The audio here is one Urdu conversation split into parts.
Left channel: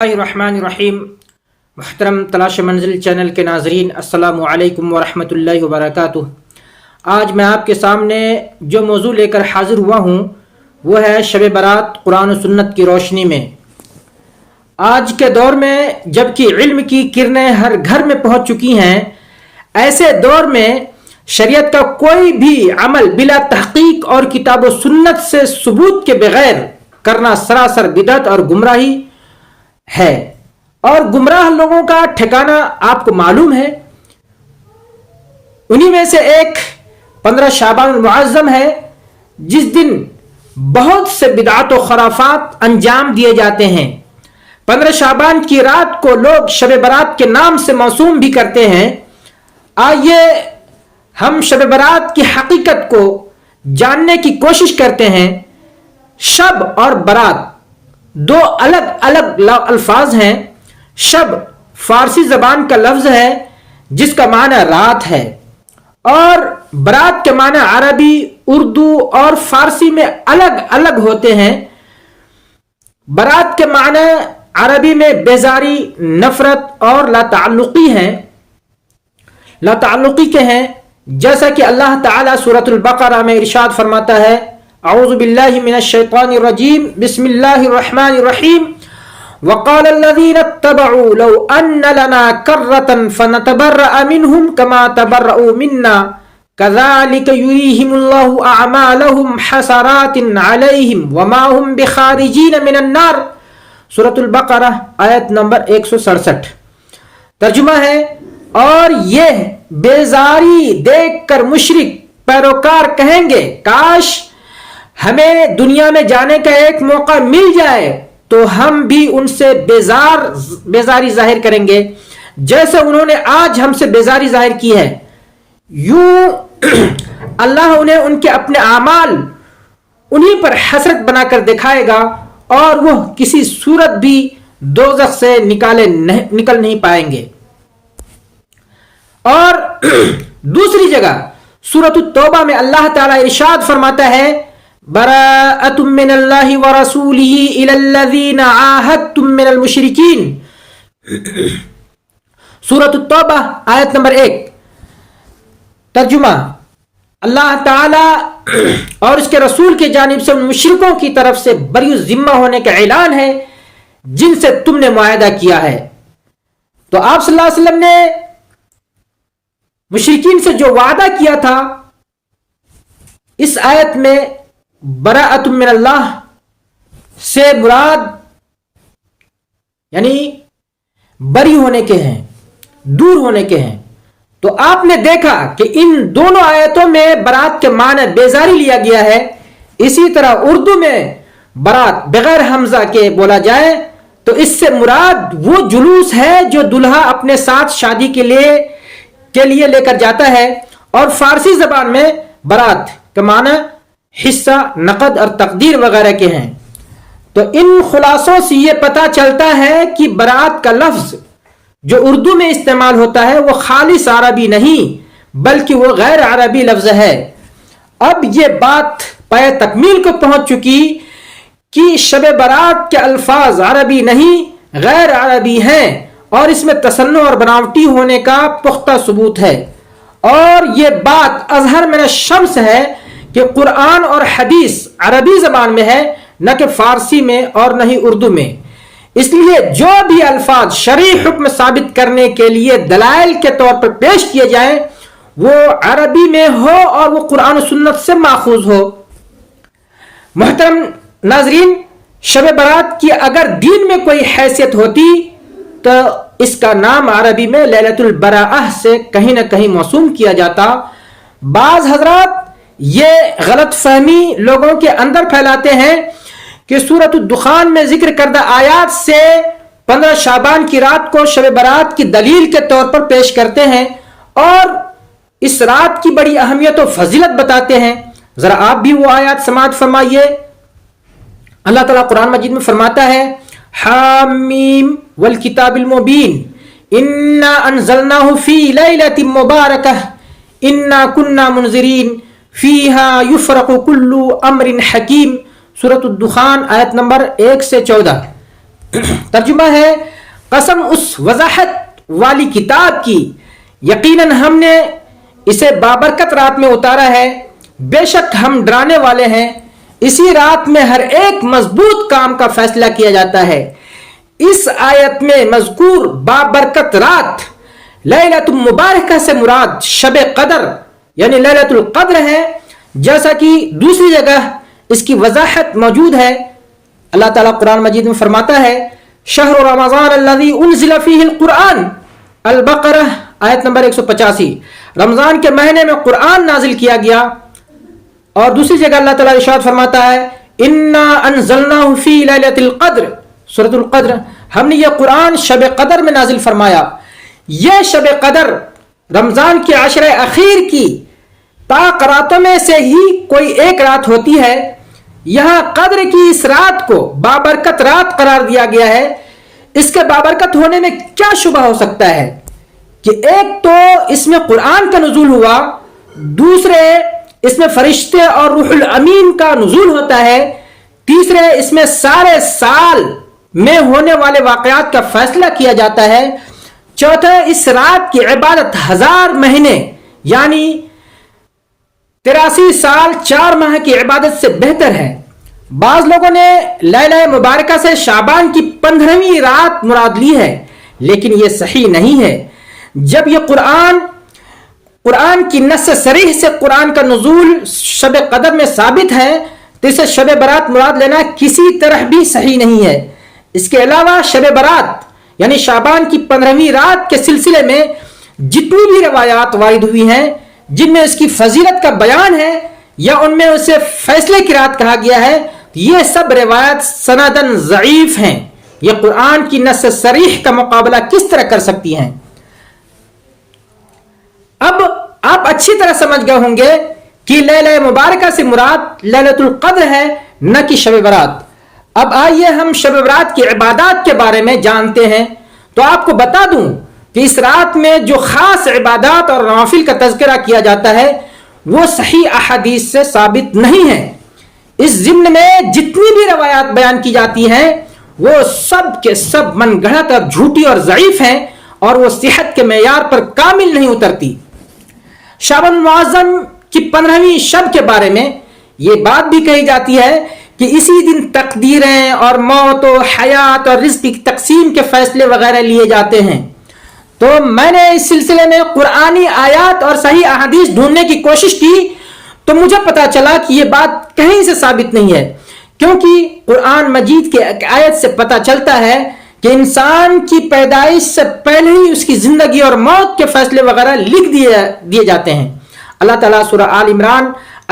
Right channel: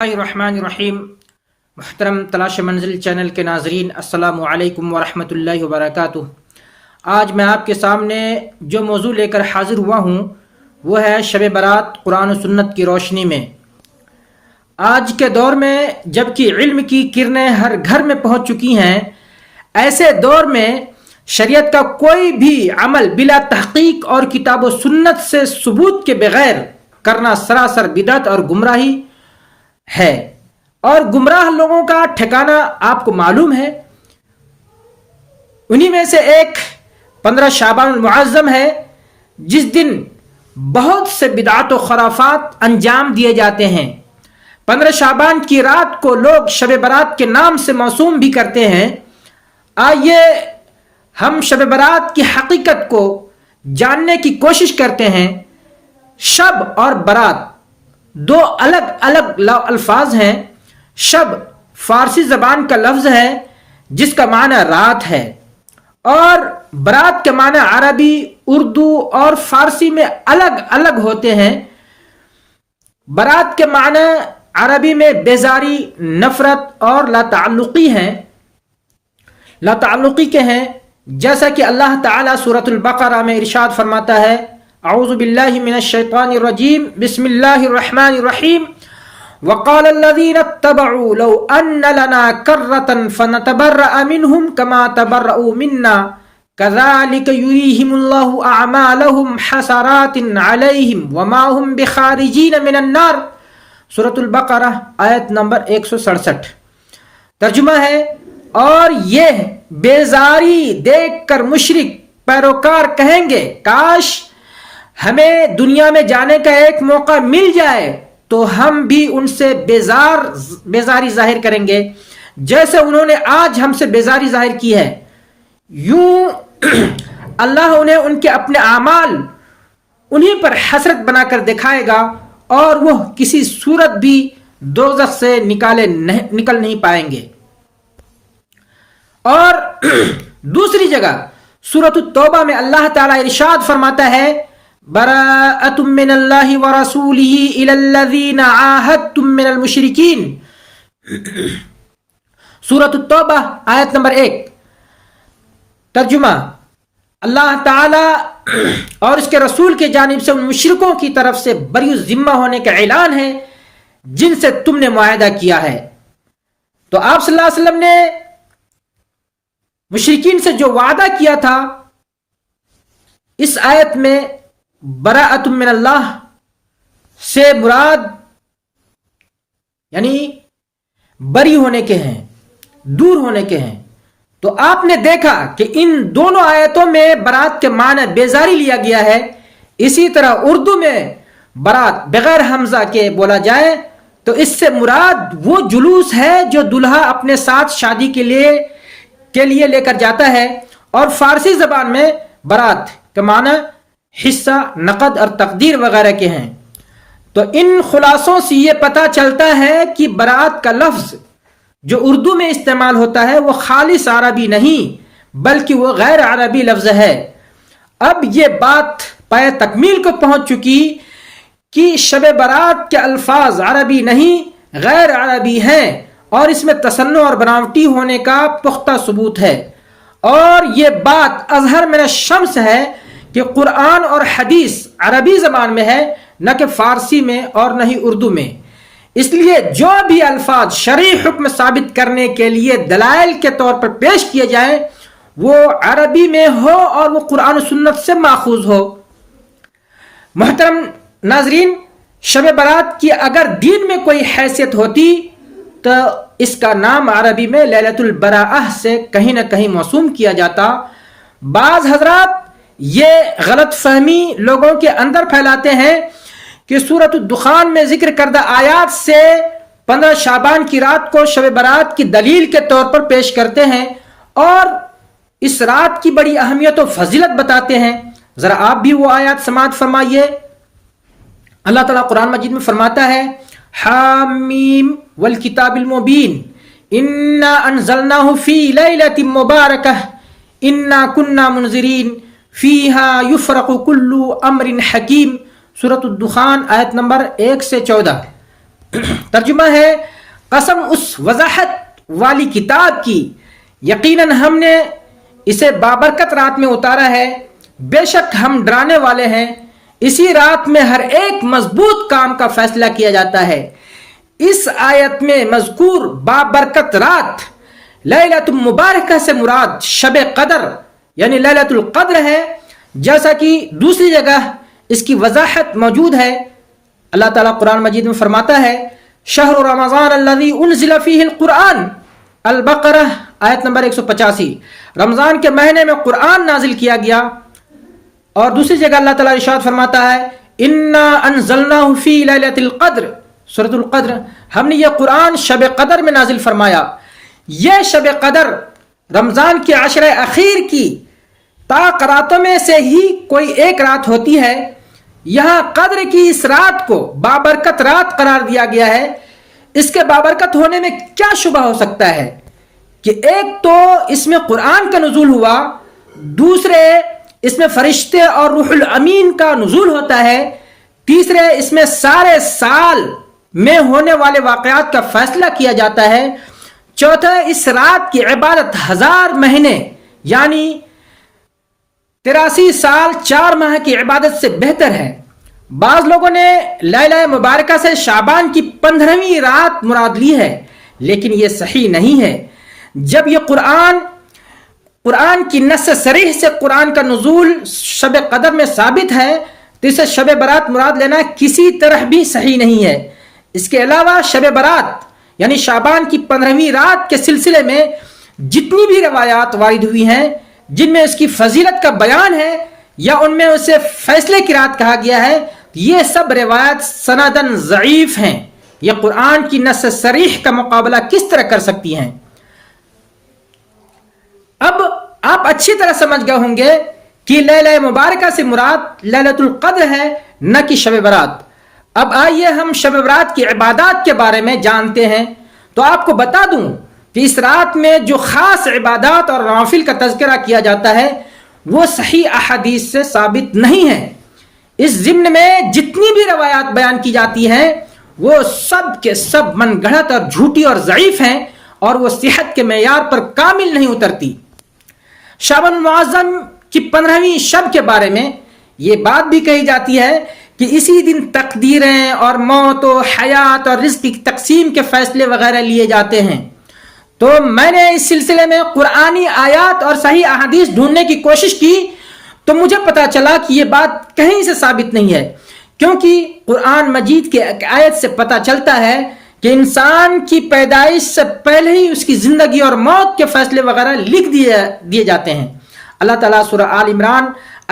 الرحمن الرحیم۔ محترم تلاش منزل چینل کے ناظرین، السلام علیکم ورحمۃ اللہ وبرکاتہ۔ آج میں آپ کے سامنے جو موضوع لے کر حاضر ہوا ہوں وہ ہے شب برات قرآن و سنت کی روشنی میں۔ آج کے دور میں جب کہ علم کی کرنیں ہر گھر میں پہنچ چکی ہیں، ایسے دور میں شریعت کا کوئی بھی عمل بلا تحقیق اور کتاب و سنت سے ثبوت کے بغیر کرنا سراسر بدعت اور گمراہی ہے، اور گمراہ لوگوں کا ٹھکانہ آپ کو معلوم ہے۔ انہی میں سے ایک 15 شعبان المعظم ہے، جس دن بہت سے بدعات و خرافات انجام دیے جاتے ہیں۔ 15 شعبان کی رات کو لوگ شب برات کے نام سے موسوم بھی کرتے ہیں۔ آئیے ہم شب برات کی حقیقت کو جاننے کی کوشش کرتے ہیں۔ شب اور برات دو الگ الگ الفاظ ہیں۔ شب فارسی زبان کا لفظ ہے جس کا معنی رات ہے، اور برات کے معنی عربی، اردو اور فارسی میں الگ الگ ہوتے ہیں۔ برات کے معنی عربی میں بیزاری، نفرت اور لا تعلقی ہیں، لا تعلقی کے ہیں، جیسا کہ اللہ تعالیٰ سورۃ البقرہ میں ارشاد فرماتا ہے: اعوذ باللہ من الشیطان الرجیم، بسم اللہ الرحمن الرحیم، وقال الذین اتبعوا لو ان لنا کرة فنتبرأ منهم كما تبرؤوا منا كذلك يريهم الله اعمالهم حسرات عليهم وما هم بخارجین من النار۔ سورۃ البقرہ آیت نمبر 167۔ ترجمہ ہے: اور یہ بیزاری دیکھ کر مشرک پیروکار کہیں گے، کاش ہمیں دنیا میں جانے کا ایک موقع مل جائے تو ہم بھی ان سے بیزاری ظاہر کریں گے جیسے انہوں نے آج ہم سے بیزاری ظاہر کی ہے۔ یوں اللہ انہیں ان کے اپنے اعمال انہی پر حسرت بنا کر دکھائے گا، اور وہ کسی صورت بھی دوزخ سے نکل نہیں پائیں گے۔ اور دوسری جگہ سورۃ التوبہ میں اللہ تعالیٰ ارشاد فرماتا ہے: براءۃ من اللہ ورسولہ الی الذین عاہدتم من المشرکین۔ سورۃ التوبہ آیت نمبر 1۔ ترجمہ: اللہ تعالیٰ اور اس کے رسول کی جانب سے ان مشرکوں کی طرف سے بری الذمہ ہونے کا اعلان ہے جن سے تم نے معاہدہ کیا ہے۔ تو آپ صلی اللہ علیہ وسلم نے مشرکین سے جو وعدہ کیا تھا، اس آیت میں براءۃ من اللہ سے مراد یعنی بری ہونے کے ہیں، دور ہونے کے ہیں۔ تو آپ نے دیکھا کہ ان دونوں آیتوں میں برات کے معنی بیزاری لیا گیا ہے۔ اسی طرح اردو میں برات بغیر حمزہ کے بولا جائے تو اس سے مراد وہ جلوس ہے جو دلہا اپنے ساتھ شادی کے لیے لے کر جاتا ہے، اور فارسی زبان میں برات کے معنی حصہ، نقد اور تقدیر وغیرہ کے ہیں۔ تو ان خلاصوں سے یہ پتہ چلتا ہے کہ برات کا لفظ جو اردو میں استعمال ہوتا ہے وہ خالص عربی نہیں بلکہ وہ غیر عربی لفظ ہے۔ اب یہ بات پائے تکمیل کو پہنچ چکی کہ شب برات کے الفاظ عربی نہیں غیر عربی ہیں، اور اس میں تصنع اور بناوٹی ہونے کا پختہ ثبوت ہے۔ اور یہ بات اظہر من الشمس ہے کہ قرآن اور حدیث عربی زبان میں ہے، نہ کہ فارسی میں اور نہ ہی اردو میں۔ اس لیے جو بھی الفاظ شرعی حکم ثابت کرنے کے لیے دلائل کے طور پر پیش کیے جائیں وہ عربی میں ہو اور وہ قرآن و سنت سے ماخوذ ہو۔ محترم ناظرین، شب برات کی اگر دین میں کوئی حیثیت ہوتی تو اس کا نام عربی میں لیلۃ البراءہ سے کہیں نہ کہیں موسوم کیا جاتا۔ بعض حضرات یہ غلط فہمی لوگوں کے اندر پھیلاتے ہیں کہ سورۃ الدخان میں ذکر کردہ آیات سے 15 شعبان کی رات کو شب برات کی دلیل کے طور پر پیش کرتے ہیں اور اس رات کی بڑی اہمیت و فضیلت بتاتے ہیں۔ ذرا آپ بھی وہ آیات سماعت فرمائیے۔ اللہ تعالیٰ قرآن مجید میں فرماتا ہے: حامیم والکتاب المبین انا انزلناہ فی لیلۃ مبارکہ انا کننا منذرین فیہا یفرق کل امر حکیم۔ سورۃ الدخان آیت نمبر 1 سے 14۔ ترجمہ ہے قسم اس وضاحت والی کتاب کی، یقیناً ہم نے اسے بابرکت رات میں اتارا ہے، بے شک ہم ڈرانے والے ہیں، اسی رات میں ہر ایک مضبوط کام کا فیصلہ کیا جاتا ہے۔ اس آیت میں مذکور بابرکت رات لیلۃ مبارکہ سے مراد شب قدر یعنی لیلۃ القدر ہے، جیسا کہ دوسری جگہ اس کی وضاحت موجود ہے۔ اللہ تعالیٰ قرآن مجید میں فرماتا ہے شہر رمضان الذی انزل فیہ القرآن، البقرہ آیت نمبر 185، رمضان کے مہینے میں قرآن نازل کیا گیا۔ اور دوسری جگہ اللہ تعالیٰ ارشاد فرماتا ہے انا انزلناہ فی لیلۃ القدر، سورۃ القدر، ہم نے یہ قرآن شب قدر میں نازل فرمایا۔ یہ شب قدر رمضان کے عشرہ اخیر کی پاک راتوں میں سے ہی کوئی ایک رات ہوتی ہے۔ یہاں قدر کی اس رات کو بابرکت رات قرار دیا گیا ہے۔ اس کے بابرکت ہونے میں کیا شبہ ہو سکتا ہے کہ ایک تو اس میں قرآن کا نزول ہوا، دوسرے اس میں فرشتے اور روح الامین کا نزول ہوتا ہے، تیسرے اس میں سارے سال میں ہونے والے واقعات کا فیصلہ کیا جاتا ہے، چوتھا اس رات کی عبادت 1000 مہینے یعنی 83 سال 4 ماہ کی عبادت سے بہتر ہے۔ بعض لوگوں نے لیلہ مبارکہ سے شعبان کی 15ویں رات مراد لی ہے، لیکن یہ صحیح نہیں ہے۔ جب یہ قرآن کی نص صریح سے قرآن کا نزول شب قدر میں ثابت ہے تو اسے شب برات مراد لینا کسی طرح بھی صحیح نہیں ہے۔ اس کے علاوہ شب برات یعنی شعبان کی 15ویں رات کے سلسلے میں جتنی بھی روایات وارد ہوئی ہیں جن میں اس کی فضیلت کا بیان ہے یا ان میں اسے فیصلے کی رات کہا گیا ہے، یہ سب روایات سندن ضعیف ہیں۔ یہ قرآن کی نص صریح کا مقابلہ کس طرح کر سکتی ہیں؟ اب آپ اچھی طرح سمجھ گئے ہوں گے کہ لیلہ مبارکہ سے مراد لیلۃ القدر ہے، نہ کہ شب برات۔ اب آئیے ہم شب برات کی عبادات کے بارے میں جانتے ہیں۔ تو آپ کو بتا دوں کہ اس رات میں جو خاص عبادات اور نوافل کا تذکرہ کیا جاتا ہے وہ صحیح احادیث سے ثابت نہیں ہے۔ اس ضمن میں جتنی بھی روایات بیان کی جاتی ہیں وہ سب کے سب من گھڑت اور جھوٹی اور ضعیف ہیں اور وہ صحت کے معیار پر کامل نہیں اترتی۔ شعبان معظم کی 15ویں شب کے بارے میں یہ بات بھی کہی جاتی ہے کہ اسی دن تقدیریں اور موت و حیات اور رزق کی تقسیم کے فیصلے وغیرہ لیے جاتے ہیں۔ تو میں نے اس سلسلے میں قرآنی آیات اور صحیح احادیث ڈھونڈنے کی کوشش کی تو مجھے پتا چلا کہ یہ بات کہیں سے ثابت نہیں ہے، کیونکہ قرآن مجید کے ایک آیت سے پتا چلتا ہے کہ انسان کی پیدائش سے پہلے ہی اس کی زندگی اور موت کے فیصلے وغیرہ لکھ دیے جاتے ہیں۔ اللہ تعالیٰ سورہ آل عمران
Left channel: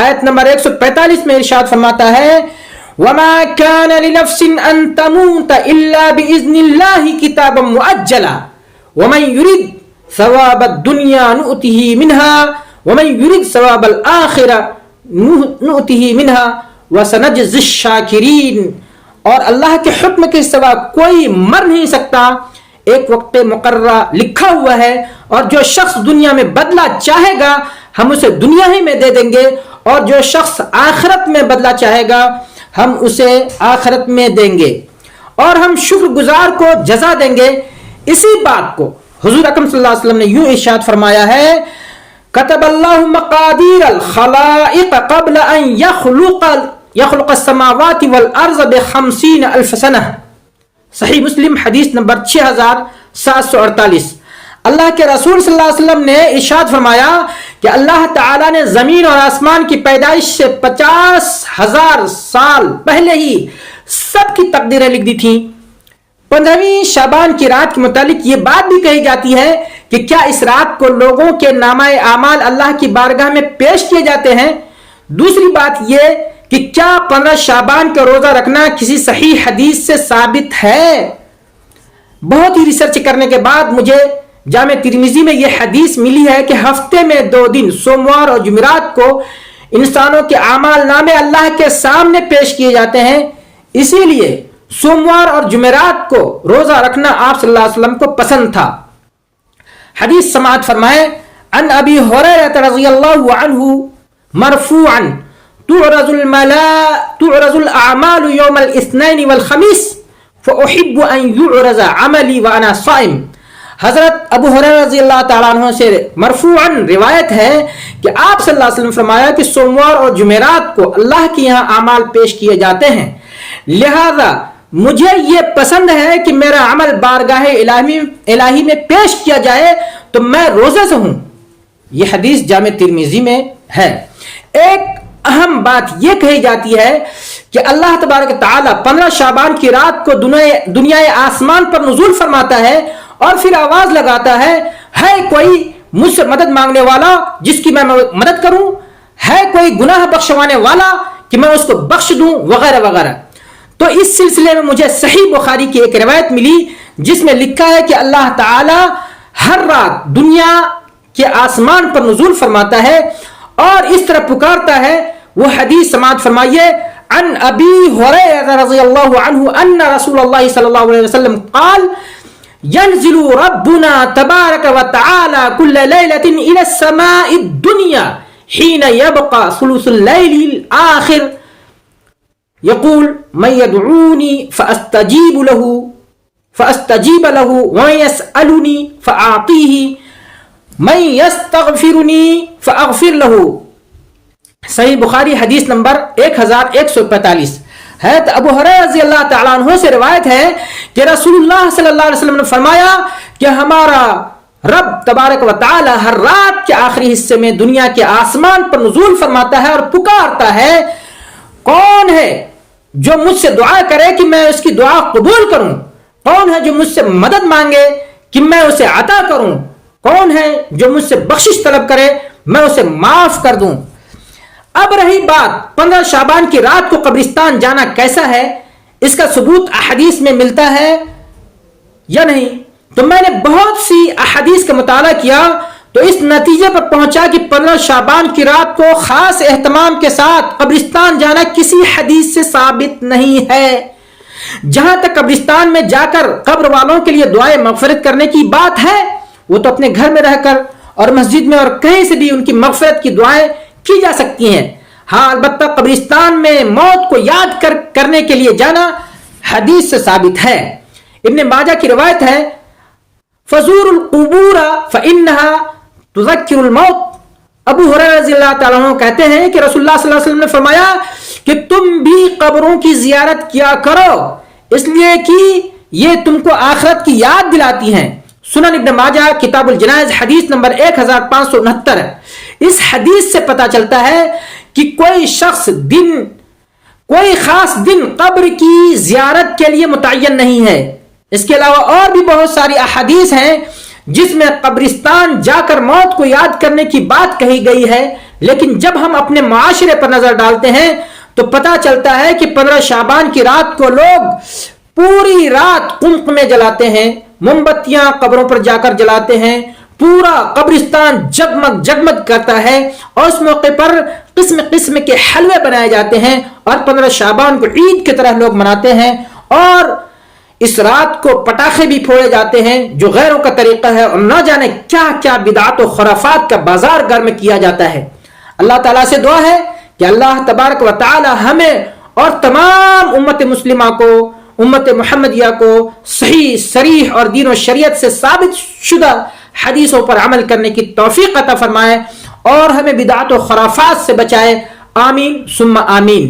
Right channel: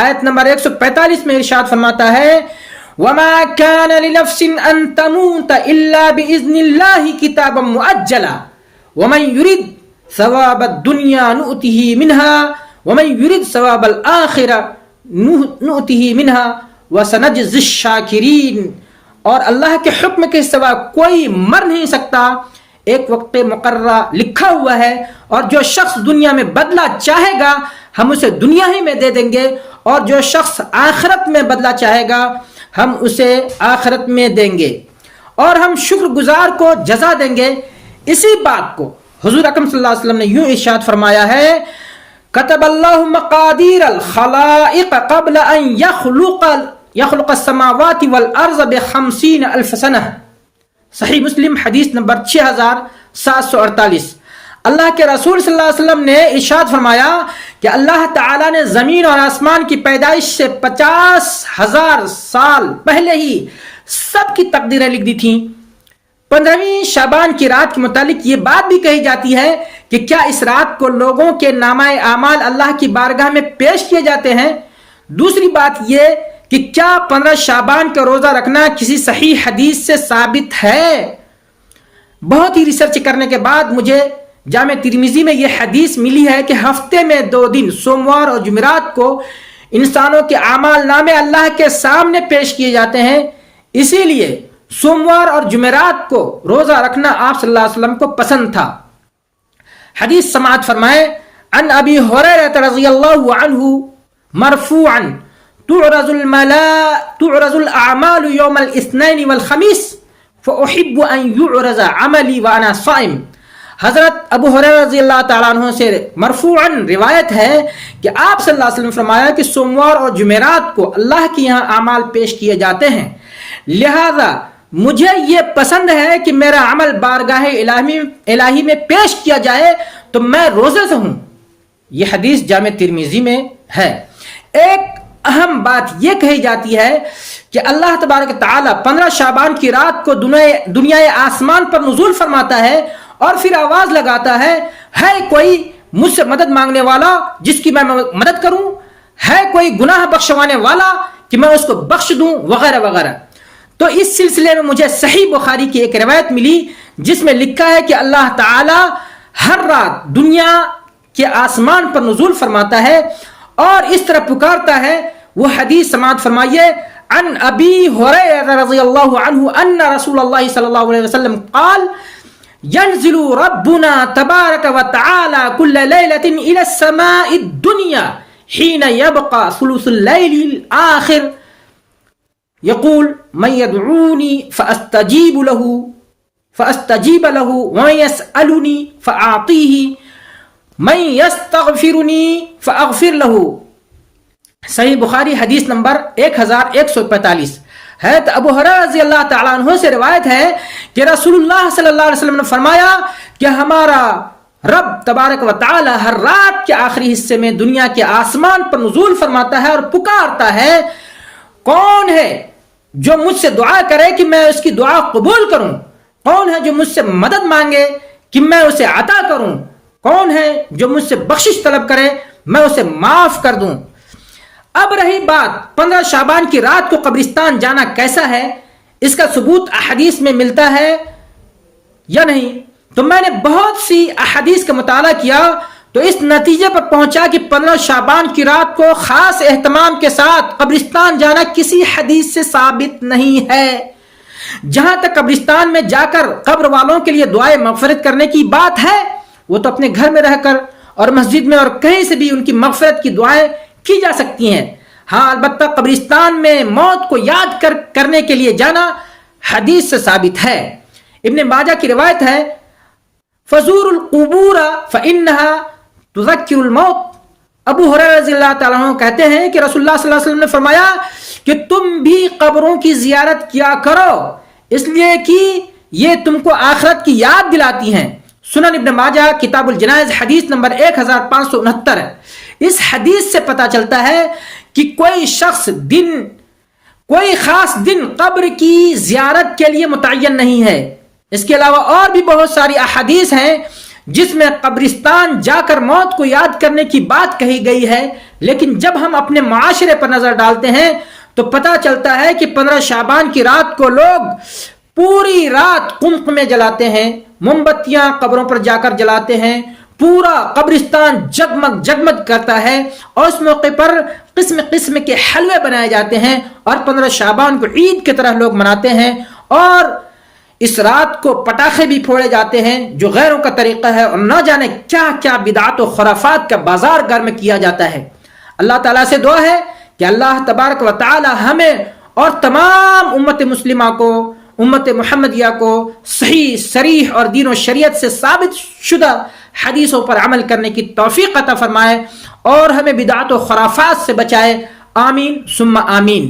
آیت نمبر 145 میں ارشاد فرماتا ہے وَمَا كَانَ لِنَفْسٍ أَن تَمُوتَ إِلَّا بِإِذْنِ اللَّهِ كِتَابًا مُؤَجَّلًا وَمَن يُرِدْ ثَوَابَ الدُّنْيَا نُؤْتِهِ مِنْهَا وَمَن يُرِدْ ثَوَابَ الْآخِرَةِ نُؤْتِهِ مِنْهَا وَسَنَجْزِي الشَّاكِرِينَ۔ اور اللہ کے حکم کے سوا کوئی مر نہیں سکتا، ایک وقت مقررہ لکھا ہوا ہے، اور جو شخص دنیا میں بدلہ چاہے گا ہم اسے دنیا ہی میں دے دیں گے، اور جو شخص آخرت میں بدلہ چاہے گا ہم اسے آخرت میں دیں گے، اور ہم شکر گزار کو جزا دیں گے۔ اسی بات کو حضور اکرم صلی اللہ علیہ وسلم نے یوں ارشاد فرمایا ہے کتب اللہ مقادیر الخلائق قبل ان یخلق السماوات والارض ب50,000 سنہ، صحیح مسلم حدیث نمبر 6748۔ اللہ کے رسول صلی اللہ علیہ وسلم نے ارشاد فرمایا کہ اللہ تعالیٰ نے زمین اور آسمان کی پیدائش سے 50,000 سال پہلے ہی سب کی تقدیریں لکھ دی تھیں۔ 15ویں شعبان کی رات کے متعلق یہ بات بھی کہی جاتی ہے کہ کیا اس رات کو لوگوں کے نامہ اعمال اللہ کی بارگاہ میں پیش کیے جاتے ہیں؟ دوسری بات یہ کہ کیا 15 شعبان کا روزہ رکھنا کسی صحیح حدیث سے ثابت ہے؟ بہت ہی ریسرچ کرنے کے بعد مجھے جامع ترمذی میں یہ حدیث ملی ہے کہ ہفتے میں 2 دن سوموار اور جمعرات کو انسانوں کے اعمال نامے اللہ کے سامنے پیش کیے جاتے ہیں، اسی لیے سوموار اور جمعرات کو روزہ رکھنا آپ صلی اللہ علیہ وسلم کو پسند تھا۔ حدیث سماعت فرمائیں عن ابی ہریرہ رضی اللہ عنہ مرفوعا تعرض الاعمال یوم الاثنین والخمیس فأحب أن يعرض عملي وأنا صائم. حضرت ابو ہریرہ رضی اللہ تعالیٰ عنہ سے مرفوعاً روایت ہے کہ آپ صلی اللہ علیہ وسلم فرمایا کہ سوموار اور جمعرات کو اللہ کے یہاں اعمال پیش کیے جاتے ہیں، لہذا مجھے یہ پسند ہے کہ میرا عمل بارگاہ الہی میں پیش کیا جائے تو میں روزے سے ہوں. یہ حدیث جامع ترمذی میں ہے. ایک اہم بات یہ کہی جاتی ہے کہ اللہ تبارک تعالیٰ 15 شعبان کی رات کو دنیا آسمان پر نزول فرماتا ہے اور پھر آواز لگاتا ہے کوئی مجھ سے مدد مانگنے والا جس کی میں مدد کروں، ہے کوئی گناہ بخشوانے والا کہ میں اس کو بخش دوں، وغیرہ وغیرہ. تو اس سلسلے میں مجھے صحیح بخاری کی ایک روایت ملی جس میں لکھا ہے کہ اللہ تعالی ہر رات دنیا کے آسمان پر نزول فرماتا ہے اور اس طرح پکارتا ہے. وہ حدیث سماعت فرمائیے. عن ابی ہریرہ رضی اللہ عنہ ان رسول اللہ صلی اللہ علیہ وسلم قال ينزل ربنا تبارك وتعالى كل ليلة إلى السماء الدنيا حين يبقى ثلث الليل الآخر يقول من يدعوني فأستجيب له ومن يسألني فأعطيه من يستغفرني فأغفر له. صحیح بخاری حدیث نمبر 1145. حضرت ابو ہریرہ رضی اللہ تعالیٰ عنہ سے روایت ہے کہ رسول اللہ صلی اللہ علیہ وسلم نے فرمایا کہ ہمارا رب تبارک و تعالی ہر رات کے آخری حصے میں دنیا کے آسمان پر نزول فرماتا ہے اور پکارتا ہے کون ہے جو مجھ سے دعا کرے کہ میں اس کی دعا قبول کروں، کون ہے جو مجھ سے مدد مانگے کہ میں اسے عطا کروں، کون ہے جو مجھ سے بخشش طلب کرے میں اسے معاف کر دوں. اب رہی بات 15 شعبان کی رات کو قبرستان جانا کیسا ہے، اس کا ثبوت احادیث میں ملتا ہے یا نہیں، تو میں نے بہت سی احادیث کا مطالعہ کیا تو اس نتیجے پر پہنچا کہ 15 شعبان کی رات کو خاص اہتمام کے ساتھ قبرستان جانا کسی حدیث سے ثابت نہیں ہے. جہاں تک قبرستان میں جا کر قبر والوں کے لیے دعائیں مغفرت کرنے کی بات ہے، وہ تو اپنے گھر میں رہ کر اور مسجد میں اور کہیں سے بھی ان کی مغفرت کی دعائیں کی جا سکتی ہیں. ہاں البتہ قبرستان میں موت کو یاد کرنے کے لیے جانا حدیث سے ثابت ہے. ابن ماجہ کی روایت ہے فزور القبور فإنها تذکر الموت. ابو ہریرہ رضی اللہ تعالیٰ عنہ کہتے ہیں کہ رسول اللہ صلی اللہ علیہ وسلم نے فرمایا کہ تم بھی قبروں کی زیارت کیا کرو اس لیے کہ یہ تم کو آخرت کی یاد دلاتی ہیں. سنن ابن ماجہ کتاب الجنائز حدیث نمبر 1569. اس حدیث سے پتہ چلتا ہے کہ کوئی خاص دن قبر کی زیارت کے لیے متعین نہیں ہے. اس کے علاوہ اور بھی بہت ساری احادیث ہیں جس میں قبرستان جا کر موت کو یاد کرنے کی بات کہی گئی ہے، لیکن جب ہم اپنے معاشرے پر نظر ڈالتے ہیں تو پتہ چلتا ہے کہ 15 شعبان کی رات کو لوگ پوری رات قمقمے جلاتے ہیں، موم بتیاں قبروں پر جا کر جلاتے ہیں، پورا قبرستان جگمگ جگمگ کرتا ہے اور اس موقع پر قسم قسم کے حلوے بنائے جاتے ہیں اور 15 شعبان کو عید کی طرح لوگ مناتے ہیں اور اس رات کو پٹاخے بھی پھوڑے جاتے ہیں جو غیروں کا طریقہ ہے اور نہ جانے کیا کیا بدعات و خرافات کا بازار گرم کیا جاتا ہے. اللہ تعالیٰ سے دعا ہے کہ اللہ تبارک و تعالی ہمیں اور تمام امت مسلمہ کو، امت محمدیہ کو صحیح صریح اور دین و شریعت سے ثابت شدہ حدیثوں پر عمل کرنے کی توفیق عطا فرمائے اور ہمیں بدعات و خرافات سے بچائے. آمین ثم آمین.